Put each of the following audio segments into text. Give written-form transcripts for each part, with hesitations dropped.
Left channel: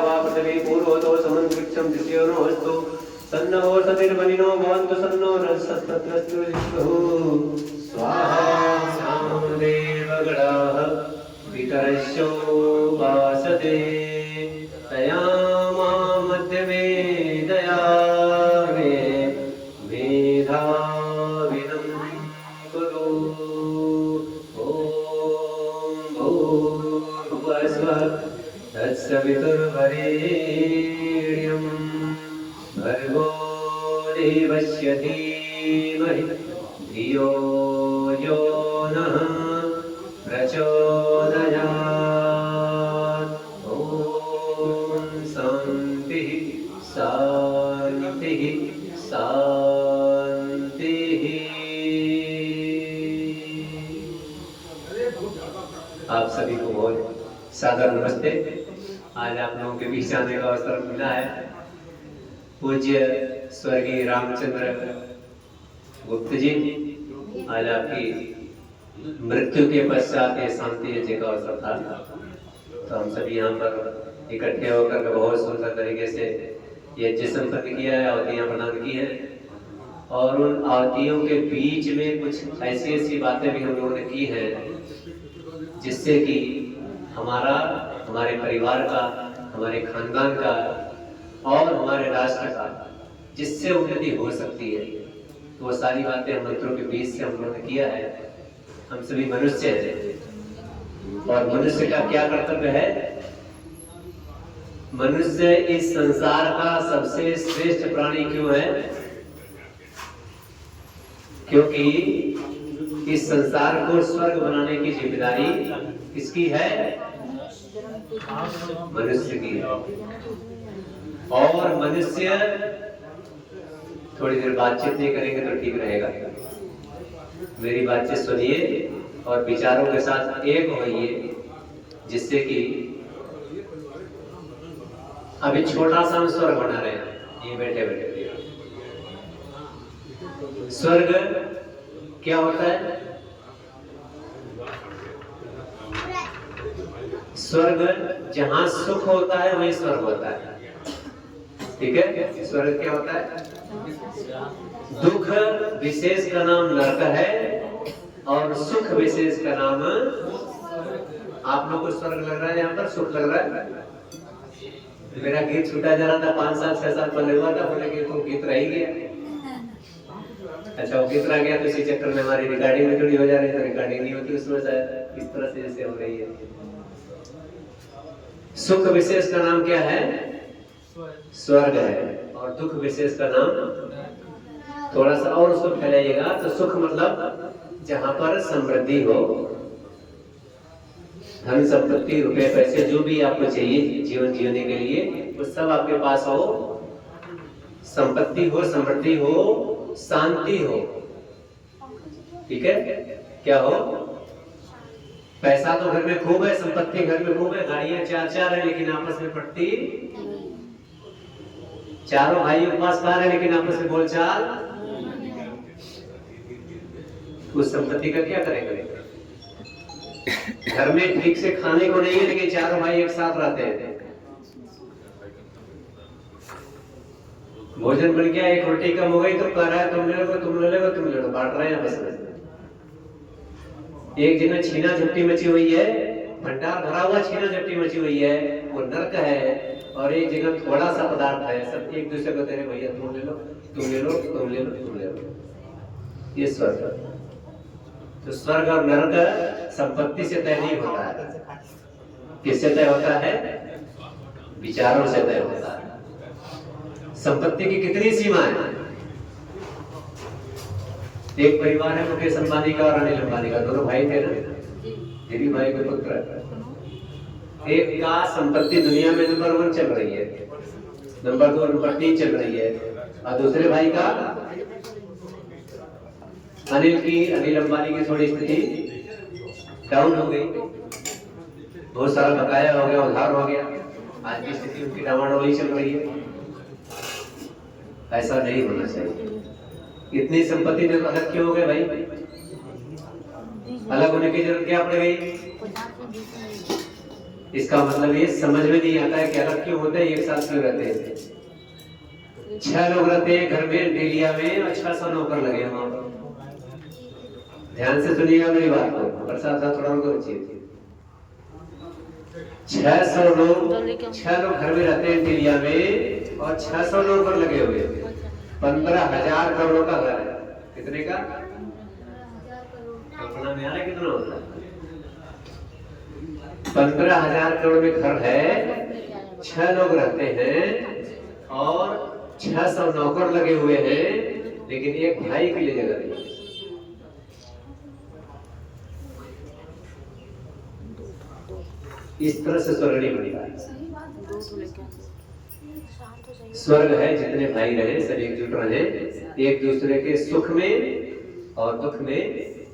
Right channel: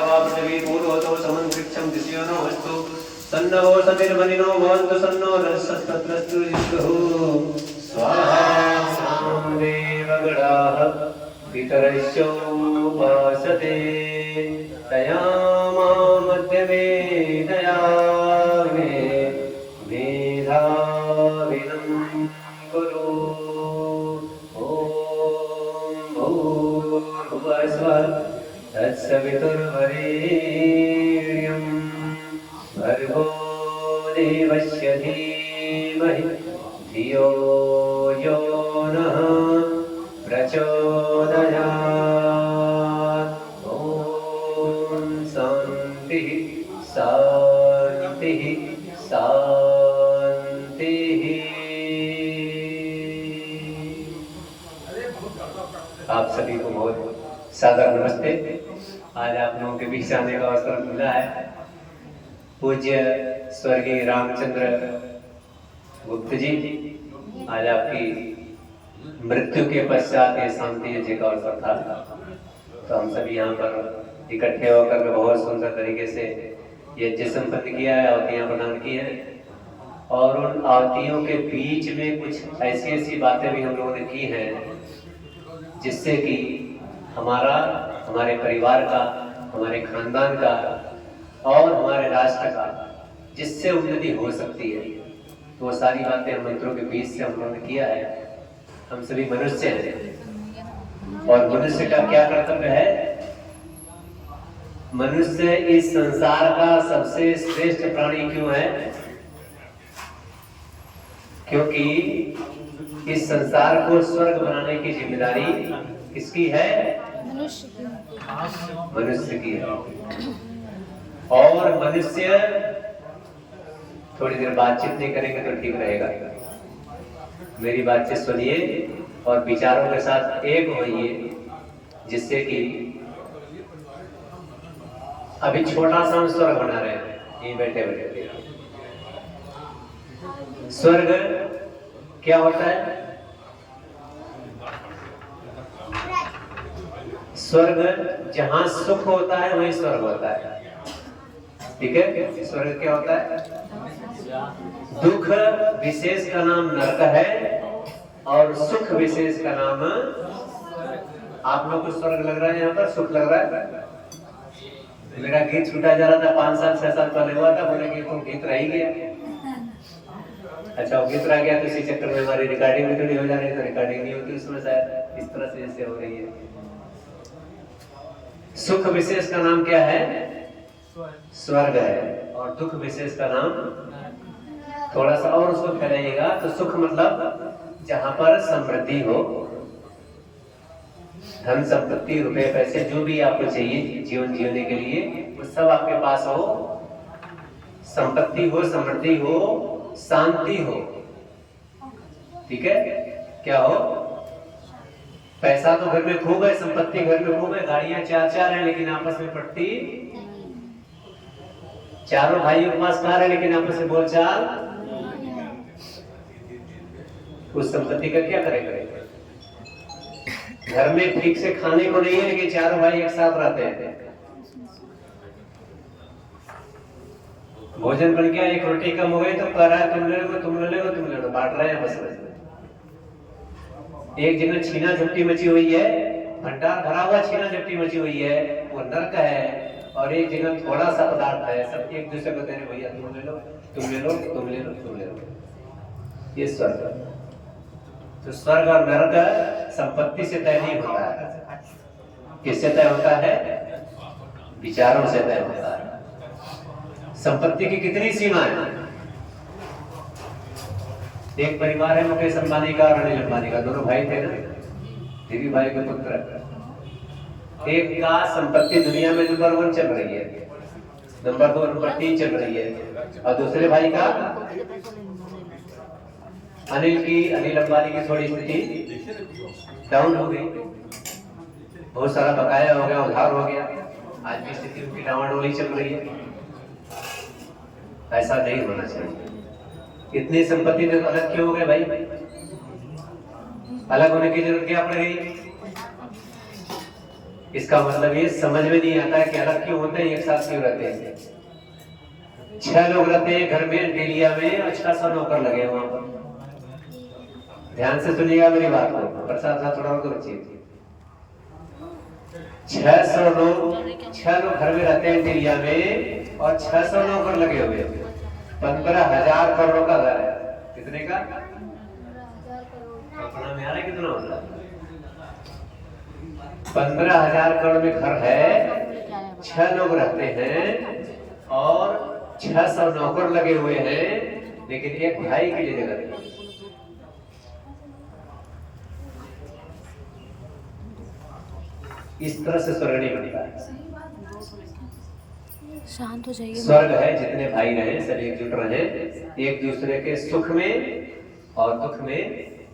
वा पृथिवी पूर्वतो समन्विक्षं दिशो नोऽस्तु सन्नो सतिर्वनिनो भवन्तु सन्नो नरसस्तत्रस्तु जिष्णुः स्वाहा देवगणाः पितरस्योपासते तया मध्यमे दयामे मेधाविनं कुरु तत्सवितुर्वरेण्यं भर्गो देवस्य धीमहि धियो यो नः प्रचोदयात् ॐ शान्तिः शान्तिः शान्तिः। आप सभी को बहुत सादर नमस्ते। आज आप लोगों के बीच आने का अवसर मिला है। पूज्य स्वर्गीय रामचंद्र गुप्त जी, आज आपकी मृत्यु के पश्चात ये शांति यज्ञ का अवसर था, तो हम सभी यहाँ पर इकट्ठे होकर के बहुत सुंदर तरीके से यज्ञ संपन्न किया है, आहुतियाँ प्रदान की हैं और उन आहुतियों के बीच में कुछ ऐसी ऐसी बातें भी हम लोगों ने की हैं जिससे कि हमारा, हमारे परिवार का, हमारे खानदान का और हमारे राष्ट्र का जिससे उन्नति हो सकती है, तो वो सारी बातें हम मंत्रों के बीच से हम लोगों ने किया है। हम सभी मनुष्य हैं और मनुष्य का क्या कर्तव्य है? मनुष्य इस संसार का सबसे श्रेष्ठ प्राणी क्यों है? क्योंकि इस संसार को स्वर्ग बनाने की जिम्मेदारी किसकी है? मनुष्य की है। और मनुष्य थोड़ी देर बातचीत नहीं करेंगे तो ठीक रहेगा। मेरी बातचीत सुनिए और विचारों के साथ एक होइए, जिससे कि अभी छोटा सा हम स्वर्ग बना रहे हैं ये बैठे बैठे। स्वर्ग क्या होता है? स्वर्ग जहां सुख होता है वही स्वर्ग होता है, ठीक है? स्वर्ग क्या होता है? दुख विशेष का नाम नरक है और सुख विशेष का नाम, आप लोग को स्वर्ग लग रहा है, यहाँ पर सुख लग रहा है। मेरा गीत छूटा जा रहा था 5 साल 6 साल पहले हुआ था, बोले कि तुम गीत रह ही गया। अच्छा वो गीत रह गया तो इसी चक्कर में हमारी रिकॉर्डिंग में थोड़ी हो जा रही, तो रिकॉर्डिंग नहीं होती उसमें शायद इस तरह से जैसे हो रही है। सुख विशेष का नाम क्या है? स्वर्ग है। और दुख विशेष का नाम, थोड़ा सा और उसको फैलाइएगा तो सुख मतलब जहां पर समृद्धि हो, धन संपत्ति रुपए पैसे जो भी आपको चाहिए जीवन जीने के लिए वो सब आपके पास हो, संपत्ति हो, समृद्धि हो, शांति हो, ठीक है? क्या हो? पैसा तो घर में खूब है, संपत्ति घर में खूब है, गाड़ियां 4-4 है लेकिन आपस में पटती, चारों भाइयों के पास कार है लेकिन आपस में बोलचाल, उस संपत्ति का क्या करेंगे? घर में ठीक से खाने को नहीं है लेकिन चारों भाई एक साथ रहते हैं, भोजन बन गया, एक रोटी कम हो गई तो कह रहा है तुम ले लो, तुम ले लो, तुम ले लो, बांट रहे हैं बस। एक जगह छीना झपटी मची हुई है, भंडार भरा हुआ छीना झपटी मची हुई है, वो नरक है। और एक जगह थोड़ा सा पदार्थ है, सब एक दूसरे को दे रहे, भैया तुम ले लो, तुम ले लो, तुम ले लो, तुम ले लो, ये स्वर्ग। तो स्वर्ग और नरक संपत्ति से तय नहीं होता है, किससे तय होता है? विचारों से तय होता है। संपत्ति की कितनी सीमा है? एक परिवार है मुकेश अंबानी का और अनिल अंबानी का, दोनों भाई थे ना, धीरू भाई के पुत्र। एक का संपत्ति दुनिया में नंबर 1 चल रही है, नंबर 2 नंबर 3 चल रही है, और दूसरे भाई का अनिल अंबानी की थोड़ी स्थिति डाउन हो गई, बहुत सारा बकाया हो गया, उधार हो गया, आज की स्थिति उनकी डामाडोल ही चल रही है। ऐसा नहीं होना चाहिए। इतनी संपत्ति में अलग क्यों हो गए भाई? अलग होने की जरूरत क्या पड़ गई? इसका मतलब ये समझ में नहीं आता है कि अलग क्यों होते हैं, एक साथ क्यों रहते हैं। 6 लोग रहते हैं घर में डेलिया में और 600 नौकर लगे हैं वहां पर। ध्यान से सुनिएगा मेरी बात को, प्रसाद साथ थोड़ा उनको रुचिए। 6 लोग घर में रहते हैं डेलिया में और 600 नौकर लगे हुए हैं। 15,000 करोड़ का घर है। कितने का? कल्पना में आ रहा है कितना होता है? 15,000 करोड़ में घर है, 6 लोग रहते हैं और 600 नौकर लगे हुए हैं, लेकिन एक भाई के लिए जगह नहीं। इस तरह से स्वर्ग नहीं बनेगा। स्वर्ग है जितने भाई रहे सब एकजुट रहे, एक दूसरे के सुख में और दुख में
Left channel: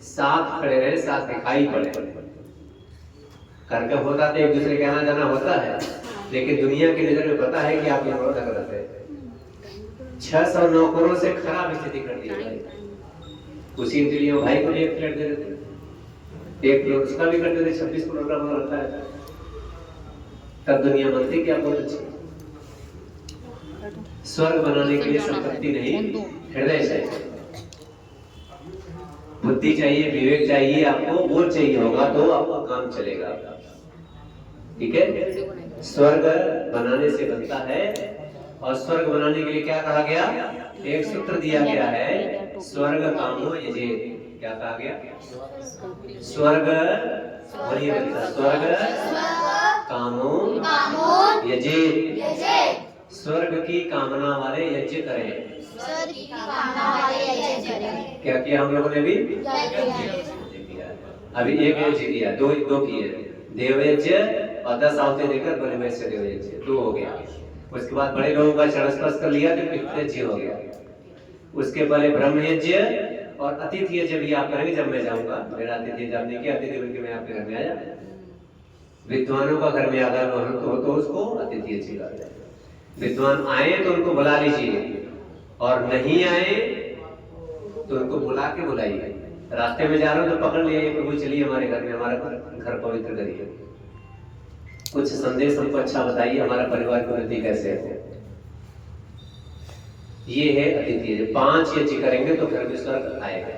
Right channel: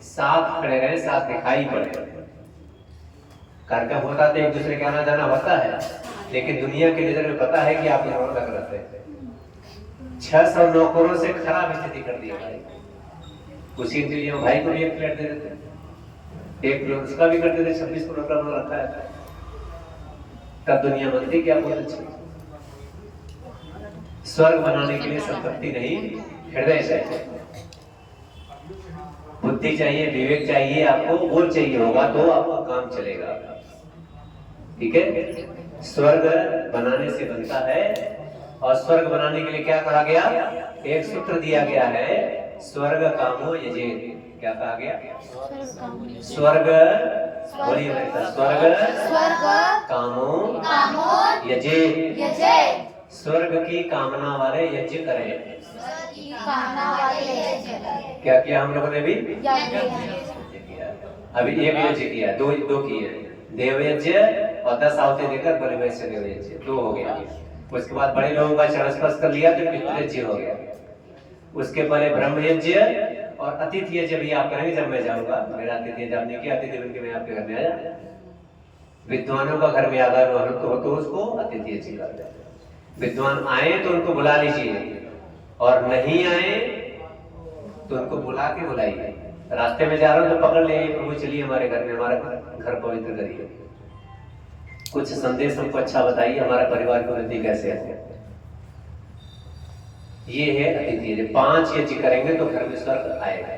साथ खड़े रहे, साथ दिखाई पड़े। कार्यक्रम होता तो एक दूसरे के आना जाना होता है, लेकिन दुनिया की नजर में पता है कि आप लोग अलग रहते हैं। 600 नौकरों से खराब स्थिति कर दिया भाई। उसी के लिए भाई को भी एक फ्लैट दे देते, एक फ्लोर उसका भी कर देते, 26 करोड़ का बना रखा है। तब दुनिया बनती क्या बहुत अच्छी। स्वर्ग बनाने के लिए संपत्ति नहीं, हृदय चाहिए, बुद्धि चाहिए, विवेक चाहिए, आपको वो चाहिए होगा तो आपका काम चलेगा। ठीक है, स्वर्ग बनाने से बनता है। और स्वर्ग बनाने के लिए क्या कहा गया? एक सूत्र दिया गया है, स्वर्ग कामो यजे। क्या कहा गया? स्वर्ग, बोलिए, स्वर्ग कामो यजे। स्वर्ग की कामना वाले यज्ञ करें। क्या किया हम लोगों ने भी? अभी एक यज्ञ किया, दो किए, देव यज्ञ और 10 आवते देकर बड़े वैसे देव यज्ञ, 2 हो गया। उसके बाद बड़े लोगों का चरण स्पर्श कर लिया तो पितृ यज्ञ हो गया। उसके पहले ब्रह्म यज्ञ और अतिथि यज्ञ भी आप करेंगे जब मैं जाऊंगा। मेरा अतिथि जब नहीं किया, अतिथि बनके मैं आपके घर में आया। विद्वानों का घर में आधा हो तो उसको अतिथि यज्ञ कर दे। विद्वान आए तो उनको बुला लीजिए, और नहीं आए तो उनको बुला के बुलाइए। रास्ते में जा रहा हूं तो पकड़ ले, प्रभु चलिए हमारे घर में, हमारा घर पवित्र करिए, कुछ संदेश हमको अच्छा बताइए, हमारा परिवार की उन्नति कैसे है। ये है अतिथि यज्ञ। 5 यज्ञ करेंगे तो घर में स्वर्ग आएगा।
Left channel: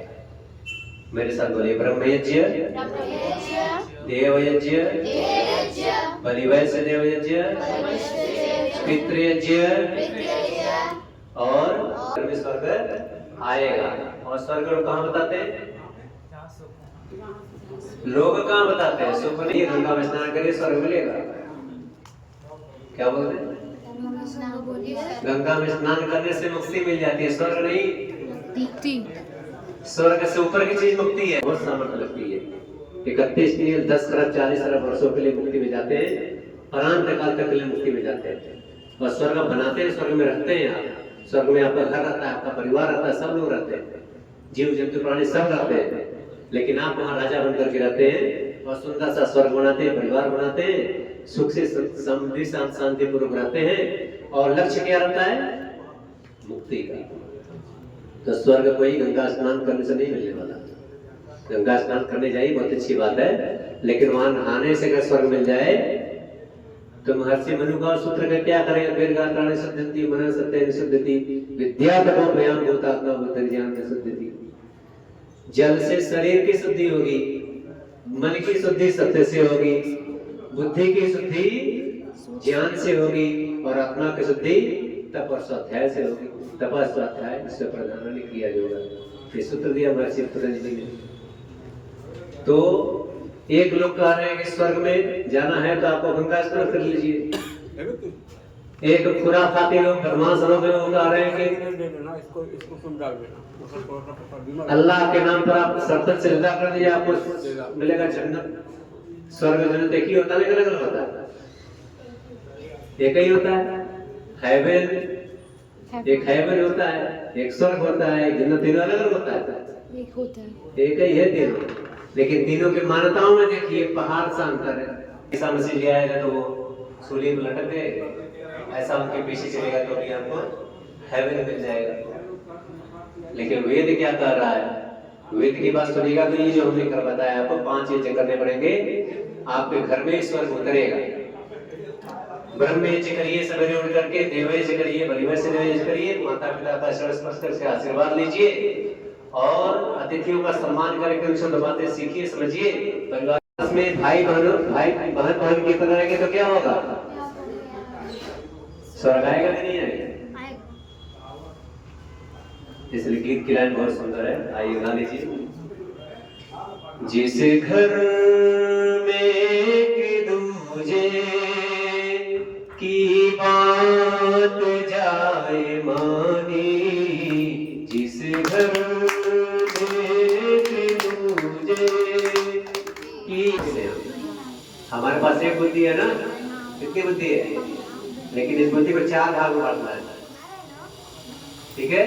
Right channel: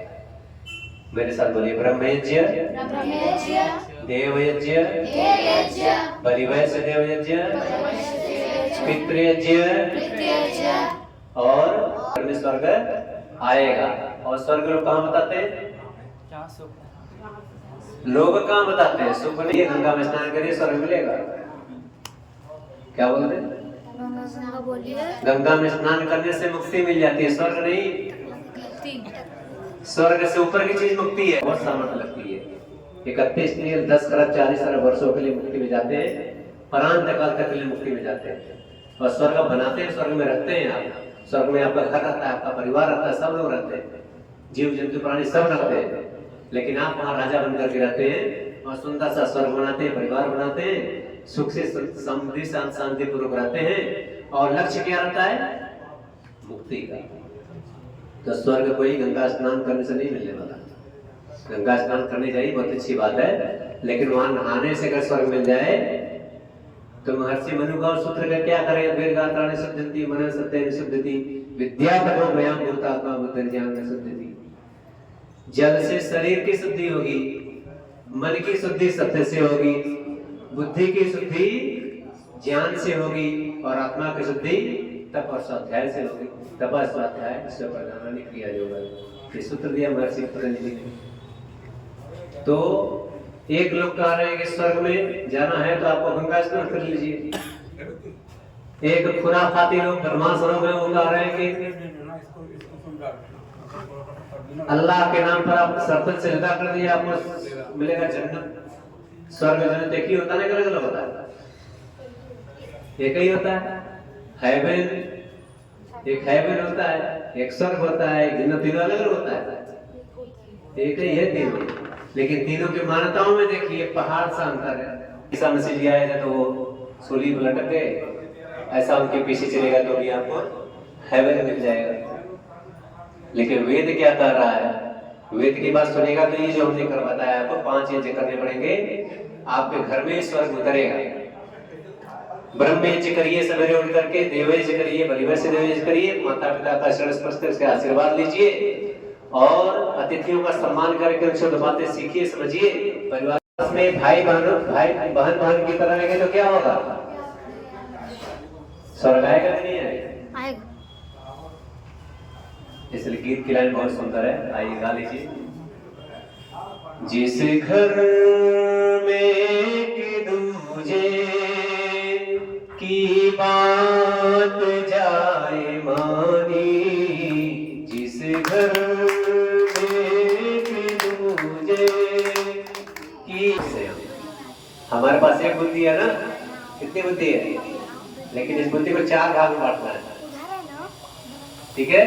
मेरे साथ बोलिए, ब्रह्म यज्ञ, देव यज्ञ, बलिवैश्य देव यज्ञ, पितृ यज्ञ, और घर में स्वर्ग आएगा। और स्वर्ग लोग कहाँ बताते हैं? लोग कहाँ बताते हैं? सुख लिए गंगा में स्नान करिए स्वर्ग मिलेगा। क्या बोल रहे? गंगा में स्नान करने से मुक्ति मिल जाती है, स्वर्ग नहीं। स्वर्ग से ऊपर की चीज मुक्ति है, बहुत सामर्थ्य लगती है। 31 नील 10 खरब 40 अरब वर्षों के लिए मुक्ति में जाते हैं, परांत काल तक के लिए मुक्ति में जाते हैं। और स्वर्ग बनाते हैं, स्वर्ग में रहते हैं। आप स्वर्ग में आपका घर रहता है, आपका परिवार रहता है, सब लोग रहते हैं, जीव जंतु प्राणी सब रहते हैं। लेकिन आप वहाँ राजा बनकर के रहते हैं और सुंदर सा स्वर्ग बनाते हैं, परिवार बनाते हैं, सुख से समृद्धि शांति पूर्वक रहते हैं। और लक्ष्य क्या रहता है? मुक्ति का। तो स्वर्ग कोई गंगा स्नान करने से नहीं मिलने वाला। गंगा स्नान करने जाइए, बहुत अच्छी बात है, लेकिन वहां नहाने से अगर स्वर्ग मिल जाए तो महर्षि मनु का सूत्र का क्या करें? दीर्घात्राणि शुद्धति, मनः सत्य शुद्धति, विद्या तपो भयाम भूतात्मा बुद्धि ज्ञान शुद्धति। जल से शरीर की शुद्धि होगी, मन की शुद्धि सत्य से होगी, बुद्धि की शुद्धि ज्ञान से होगी, और आत्मा की शुद्धि तप और स्वाध्याय से होगी। तप और स्वाध्याय इससे प्रधान वाली क्रिया योग है। सूत्र दिया महर्षि पतंजलि ने। तो एक लोग कह रहे हैं कि स्वर्ग में जाना है तो आपको गंगा स्नान कर लीजिए। एक खुराफाती लोग धर्मासनों में वो कह रहे हैं कि अल्लाह के नाम पर आप श्रद्धा से सजदा कर दिए, आपको मिलेगा जन्नत। स्वर्ग में जन्नत एक ही होता है, अलग अलग होता है? एक ही होता है। हेवन, एक हेवन होता है, एक स्वर्ग होता है, जन्नत तीनों अलग अलग होता है? एक ही है तीनों, लेकिन तीनों की मान्यताओं में देखिए पहाड़ सा अंतर है। ईसा मसीह जी आए तो वो सूली में लटक गए, ऐसा उनके पीछे चलेगा तो भी आपको हेवन मिल जाएगा। लेकिन वेद क्या कह रहा है? वेद की बात सुनेगा तो ये जो हमने कर बताया आपको 5 यज्ञ करने पड़ेंगे, आपके घर में स्वर्ग उतरेगा। ब्रह्म यज्ञ करिए, सवेरे उठ करके देव यज्ञ करिए, बलिवर से देव यज्ञ करिए, माता पिता का शरण स्पर्श करके आशीर्वाद लीजिए और अतिथियों का सम्मान करके उनसे दो बातें सीखिए, समझिए। परिवार में भाई बहन की तरह रहेंगे तो क्या होगा? स्वर्ग आएगा नहीं आएगा? इसलिए गीत की लाइन बहुत सुंदर है, आइए गा लीजिए। जिस घर में कि दूजे की बात जाए मानी, जिस घर में कि दूजे की, हमारे पास एक बुद्धि है ना, कितनी बुद्धि है, लेकिन इस बुद्धि को 4 भाग में बांटना है, ठीक है।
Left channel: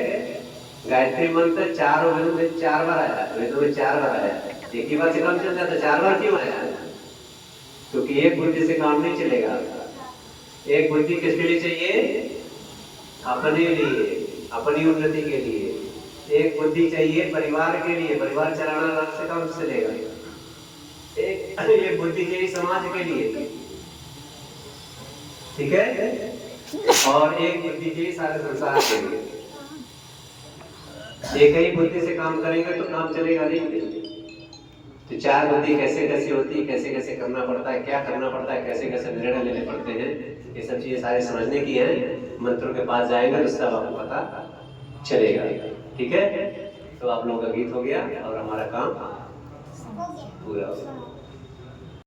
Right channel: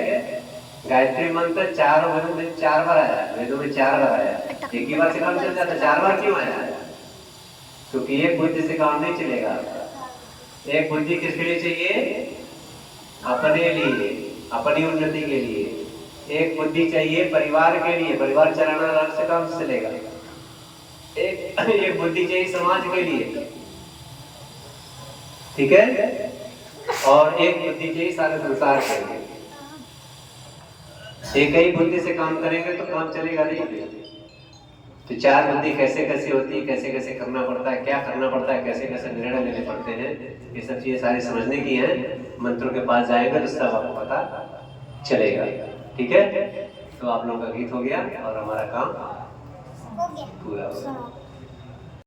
गायत्री मंत्र 4 वेदों में 4 बार आया, वेदों में 4 बार आया, एक ही बार से काम चल जाता, 4 बार क्यों आया? क्योंकि एक बुद्धि से काम नहीं चलेगा। एक बुद्धि किसके लिए चाहिए? अपने लिए, अपनी उन्नति के लिए। एक बुद्धि चाहिए परिवार के लिए, परिवार चलाना से काम चलेगा। एक बुद्धि चाहिए समाज के लिए, ठीक है, और एक बुद्धि चाहिए सारे संसार के लिए। एक ही बुद्धि से काम करेंगे तो काम चलेगा नहीं। तो 4 बुद्धि कैसे कैसे होती है, कैसे कैसे करना पड़ता है, क्या करना पड़ता है, कैसे कैसे निर्णय लेने पड़ते हैं, ये सब चीजें सारी समझने की हैं। मंत्रों के पास जाएंगे तो सब आपको पता चलेगा, ठीक है। तो आप लोगों का गीत हो गया और हमारा काम पूरा हो गया।